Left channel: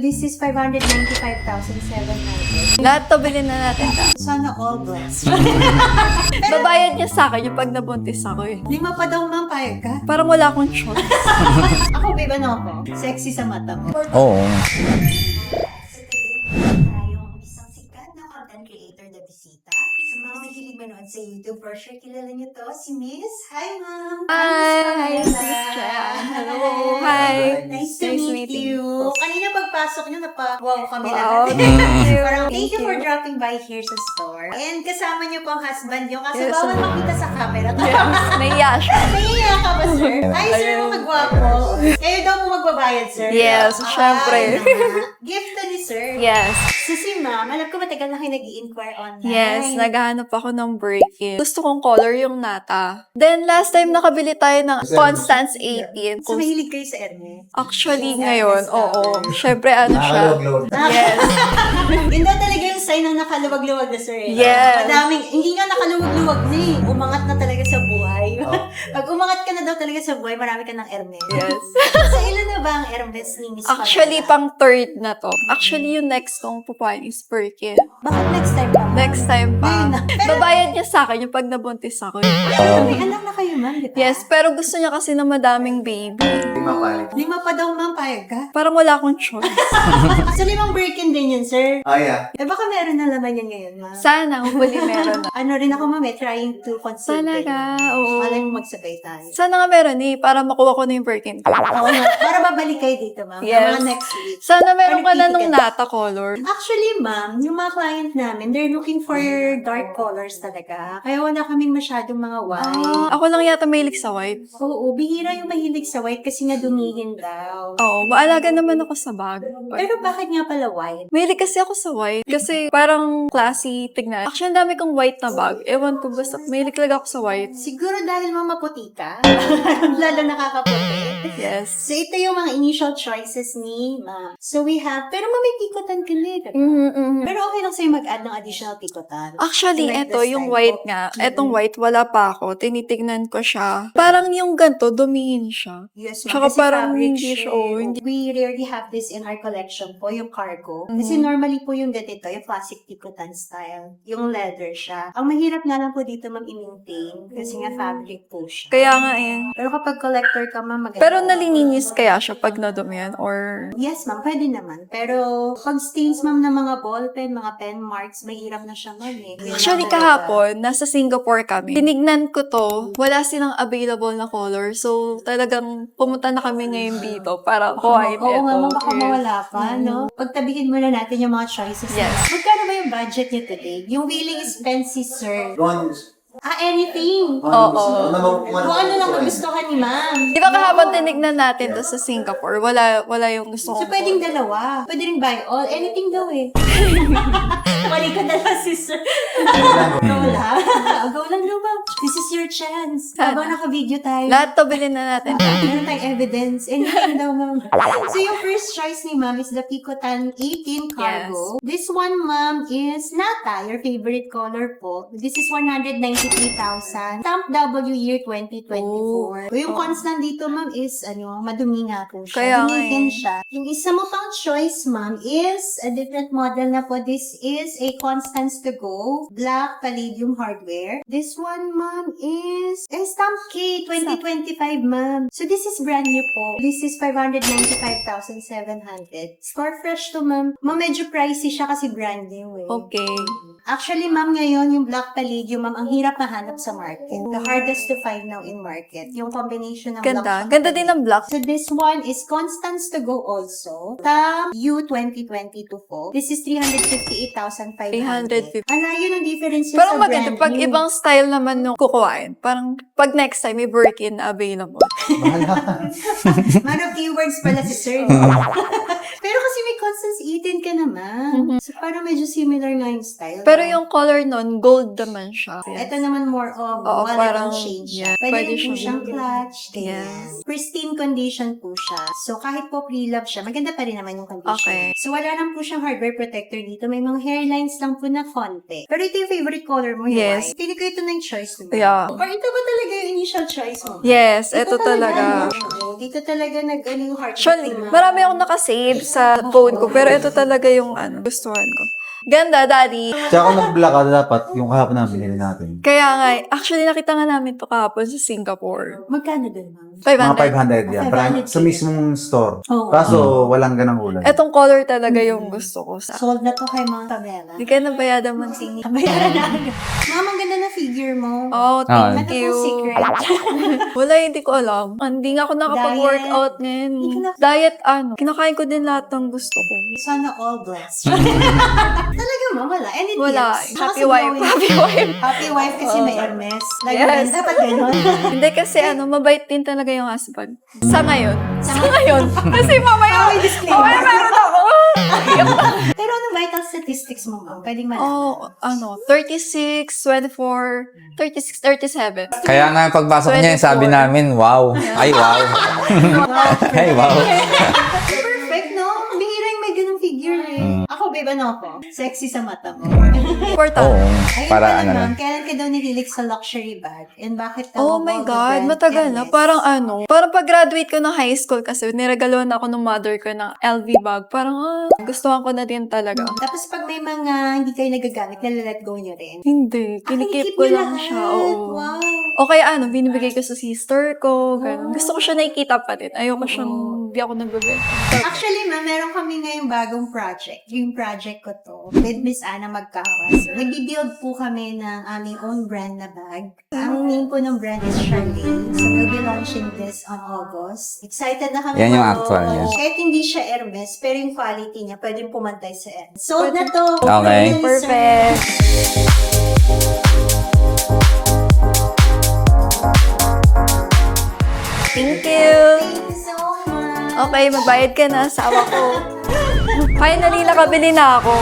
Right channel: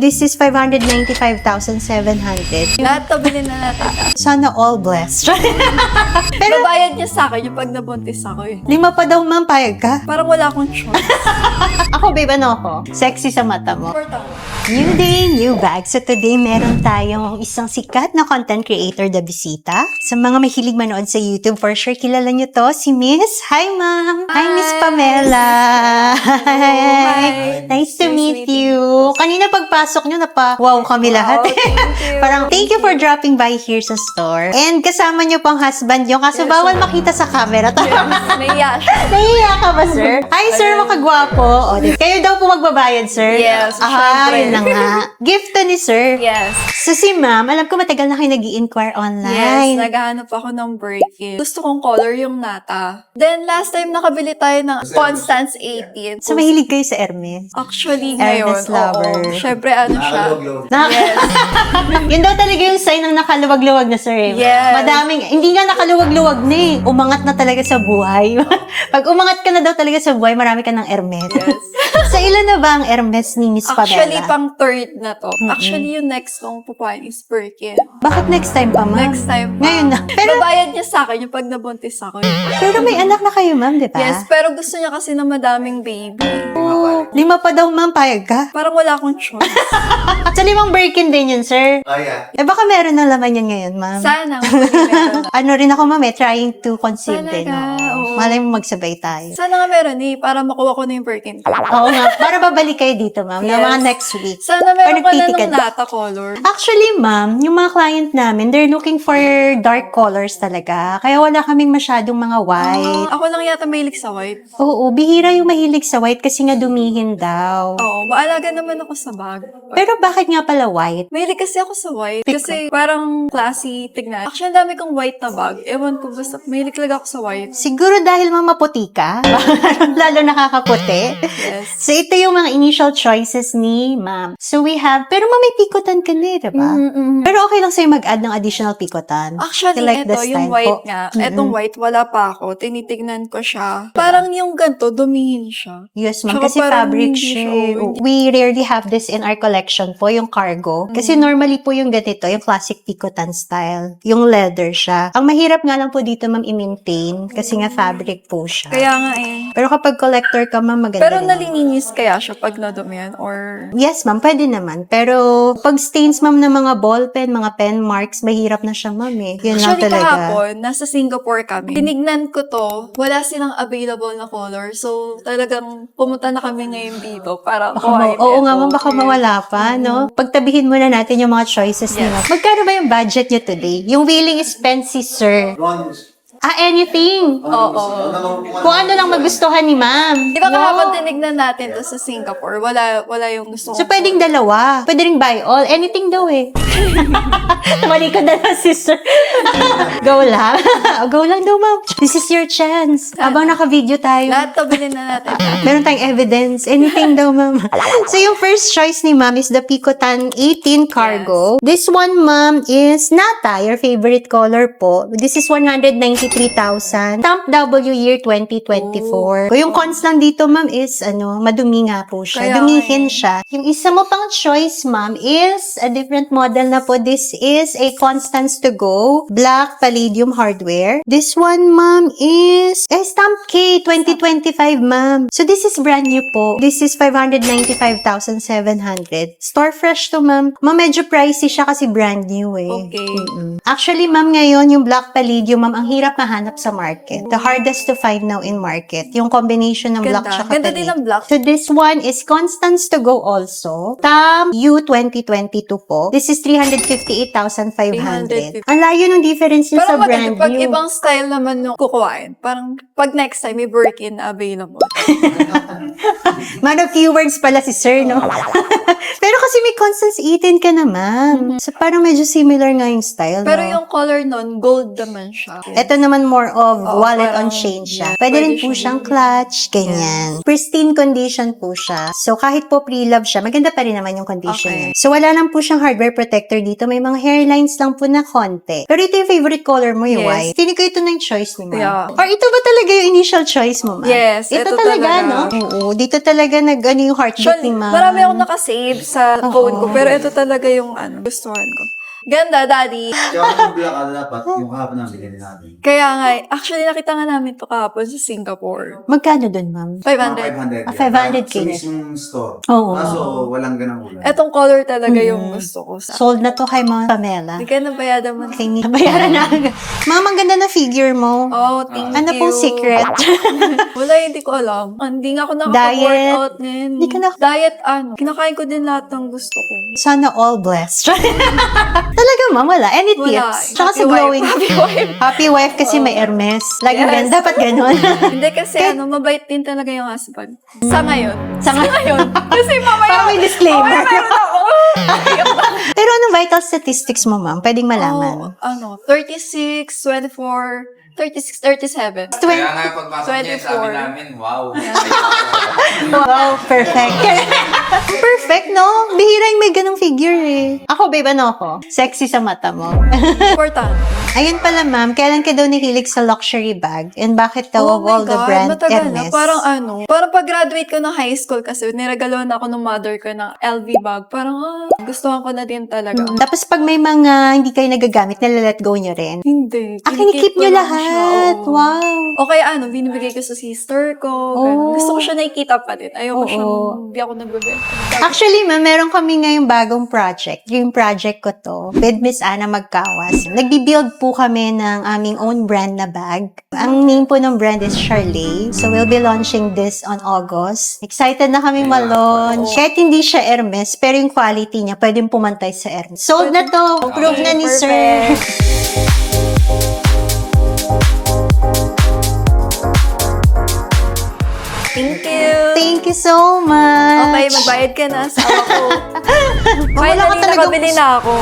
This is 595,700. Lahat to bilhin na natin. Sana all blessed. Babayad niya sa akin yung pag nabuntis ako eh. 5 pa daw, ma'am, payag ka? Parang wala akong choice. Ako, babe, ano ako? Sexy sa mata mo. Oo. New day, new bag. So today, meron tayong isang sikat na content creator na bisita. Sa mga mahilig manood sa YouTube, for sure, kilala niyo to, si Miss. Hi, ma'am. Hi, Miss Pamela. Hi. Nice to Nice meet meeting you. Kanina pagpasok niyo, wow kami lahat. thank you. Parang, thank you for dropping by here sa store. And kasama niyo pang husband niyo, kaso Yes. bawal makita sa camera. Yes, naiya siya. Nahiya ka ba, sir? Hi, sir, Ayun. makagwapo. O, kayo daw po magbabayad, sir? Yes, syempre. Yun na nga. Gift to ni sir. Yes. So si ma'am, alam ko matagal na kayo nag-i-inquire online. Yes, naghahanap ako ng break-in. Gusto kong color yung nata. Then, last time nakabili tayo ng Constance 18. So mahilig kayo sa Hermes? Actually, Hermes ngayon, oo. lover. Syempre, ano siya. Yes. Yun daw talaga yung sign ng nakaluwag-luwag na sir. Eh. Yes. Madaming, hindi nga nakaluwag-luwag na eh. Umangat na talaga sa buhay. Pag umangat ka na daw talaga sa buhay, marami ka ng Hermes. Yes. So ilan na ba ang Hermes ni Miss Pamela? Actually, pang third na to. Actually, yung next kong pupuan is Birkin. Bakit next time pa, ma'am? Next time pa. Ngayon na. Pero, Babayad niya sa akin yung pag nabuntis ako. pero may anak na kayo, ma'am, di ba? Yes, pero gusto niya kasi ng madaming baby. 5 pa daw, ma'am, payag ka? Parang wala akong choice. So, 5 Birkin din yun, sir. Yeah. Eh, baka meron na laman yan ngayon, ma'am. Sana, hopefully meron na. Ano rin ako, ma'am, trying to conceive din. Talaga, oo. Malay mo magsabay tayo. Sana nga meron eh, para makuha ko na yung Birkin. Oo nga. Para babalik kayo dito, ma'am. Yung Yes. mga next week. Sana meron ka na nagtitiket. nung nata color. Actually, ma'am, yung mga client namin, they're looking for dark colors talaga. Kaya wala kaming masyadong mga white. Ako lang yata mahilig sa white. Oo, bihira yung mahilig sa white kasi nga dumihin daw. Oo, maalaga naman ako sa bag. Pero bakit nga pala white? Mahilig kasi ako sa white. Kasi parang classy tignan. Actually, ang dami kong white na bag. Ewan ko, basta mahilig talaga ako sa white. Siguro dahil mamaputi ka. Lalo nakakaputi. Yes. So, ito yung mga initial choices ni ma'am. So, we have, pero ma'am, may pikotan ka na, diba? Pero okay lang sa'yo mag-add ng additional pikotan. Actually, You like ito, the yung style white po? nga. Etong white, wala pa ako. Tinitignan ko siya. Parang yung ganito, dumihin siya. Yes, ma'am. Tsaka Kasi parang fabric hindi siya. siya, oh, hindi- We rarely have this in our collection po, yung cargo. Kasi normally po yung ganito, yung classic picotan style. Yung leather siya. Ang mahirap nga lang po dito, ma'am, i-maintain. Kasi nga fabric po siya. Kaya nga eh. Pero kapag collector ka, ma'am, maganda. Pero yan. nalininis kaya siya pag nadumihan or... Yes, ma'am. Pwede naman. Pero pag stains, ma'am, ng mga ballpen, mga pen marks, mahirap na siya, ma'am, eh. Yun Actually, nga talaga. kahapon, nasa Singapore kami. Tinignan ko to, wala silang available na color. So, talagang pumunta na kami ngayon dito para kuhain Oo ito. nga, ma'am, baka Yes. mawala pa, no? Pagtabihin muna natin yung mga choices Yes. nila. Magkano ba yung budget niyo today? Yung willing expenses, sir. Bronze. Anything. Oo. Kung ano lang magustuhan ni ma'am. Di ba kahapon tinignan natin to sa Singapore? Wala yung gusto So, ko. pwedeng dalawa. Pwede rin buy all. Anything daw eh. Mali ka na lang, sister. Go lang. Go lang daw, ma'am. This is your chance. Habang naka-video tayo. Lahat to bilhin na natin. Meron tayong evidence. Anything daw, ma'am. So, yung first choice ni ma'am is the Picotan 18 Cargo. This one, ma'am, is Nata, your favorite color po. This is 193,000. Stamp W year 2024. Yung constant dito, ma'am, is, madumi nga po siya. Kaya Dumihin nga eh. siya. Yung isa mo pang choice, ma'am, is a different model na po. This is a Constance to Go Black Palladium Hardware. This one, ma'am, is Stamp K 2025, ma'am. So, this is brand new po. This is 595,700. Store fresh to, ma'am. Ma'am, medyo pricey siya kasi brand new eh. Okay. Actually, ma'am, ngayon, yung Black Palladium, ma'am, ang hirap mahanap sa market. The hardest to find now in market. Yung combination ng black Ganda. tsaka Ganda din ng black. So, this one is Constance to Go also. Tam U 2022 po. This is 358,500. 350. Ang layo ng difference niya Parang sa brand maganda. Pag new. ibang style naman nung kukuhain, parang pag next time may Birkin na available. Man of keywords pala si Sir, no? Pero kasi may Constance 18 ka naman. So, parang medyo similar nga yung style. Pero no? yung color nun, gold naman siya. Ito naman more of Oo, wallet parang- on chain siya. yeah, Pwede rin pwede po siya siyang din. clutch, ganyan. Pristine condition po siya. So, kahit po pre-love siya, maganda pa rin naman yung condition Okay. niya. So, wala lang po siyang hardware protector dito. May mga hairlines lang po na konti. Pero ito yung favorite color mo, yung Yes. white. Feeling ko ito na yung choice mo, ma'am. Yeah. Or ito ba talaga yung initial choice mo, ma'am? Yes, ito talaga. no? Oo, dito talaga ano yung heartbeat Actually, ni ma'am. marami akong nakasave sa phone ko, pero ito talaga yung gustuhan ko. Ganda, daddy. Kaya kung nag-black ka, dapat yung kahapon na binili natin. Kaya nga, actually nakita nga namin to kahapon sa Singapore. Magkano dun, ma'am? 500. Mga 500 yan. 500 Sa mismong store. Oo. Kaso, walang ganang ulan. Etong color talaga yung gusto ko. Sold na to kay Ma'am Pamela. Hindi ka nabayada man. Okay, bayaran na. Ma'am, ang ganda na figure mo. Oh, thank Ano you. pong secret? Wala, hindi ko alam. Hindi nga ako nakapag-workout ngayon. Hindi ka na- Diet, kinakain ko din lahat ng gusto ko. Sana all blessed. Talaga, ma'am, wala. Any Wala. tips? Tsaka Happy sa wife. glowing- Happy wife. Happy wife kasi may Hermes. Like, Yes. dapat ganun. Hindi kasi mabait din talaga yung husband. Sa ngayon. Sa ngayon. Kasi mamaya, Parang may disclaimer. mamaya meron ako. Pero anong vital statistics mo, ma'am? Pwedeng malaman. 36, 24, 36, 37. Kaya nga pagpasok niya, 24. sabi namin, wow. Ay, wow. Wow, perfect. Perfect, no? Bihira yung may ganong figure eh. Ako, babe, ano ako? Sexy sa mata mo. Important. Ayun Para pala, ano? ma'am. Kailan ka daw nahilig sa luxury bag? And bakit daw Oh my all the God, brand matagal na. Hermes? Parang parang pag-graduate ko ng high school kasi niragaluhan ako ng mother ko ng LV bag. Parang gustuhan ko na din talaga. Tapos pag may mga hindi kayo nagagamit, nalalet go nyo rin. Hindi. Kinikip ko nyo lang lahat. siya. Oo. Wow. O kaya binibigay ko sa sister ko. Oh. Ganun. Gusto ko siya nakikita pa din. Ayoko Oo. siyang, hindi ako nagbebenta. Actually, ma'am, meron kami ngayong bagong project. Dream project ko to. With Miss Ana Magkawas. Nagbi-build po kami ng aming own brand na bag. Ang name po ng brand is Charlet. So, we'll be launching this on August. Excited na kami Yan yung ma-launch. actual. Kahit hindi siya Hermes, pero yung quality niya, pwedeng pumantay sa Hermes. Sold na to. Approve Okay. na ni Sir. Perfect. Thank you. Thank you so much. Okay, magbayad ka na. Asawa ko. Finally, nakabili na ako.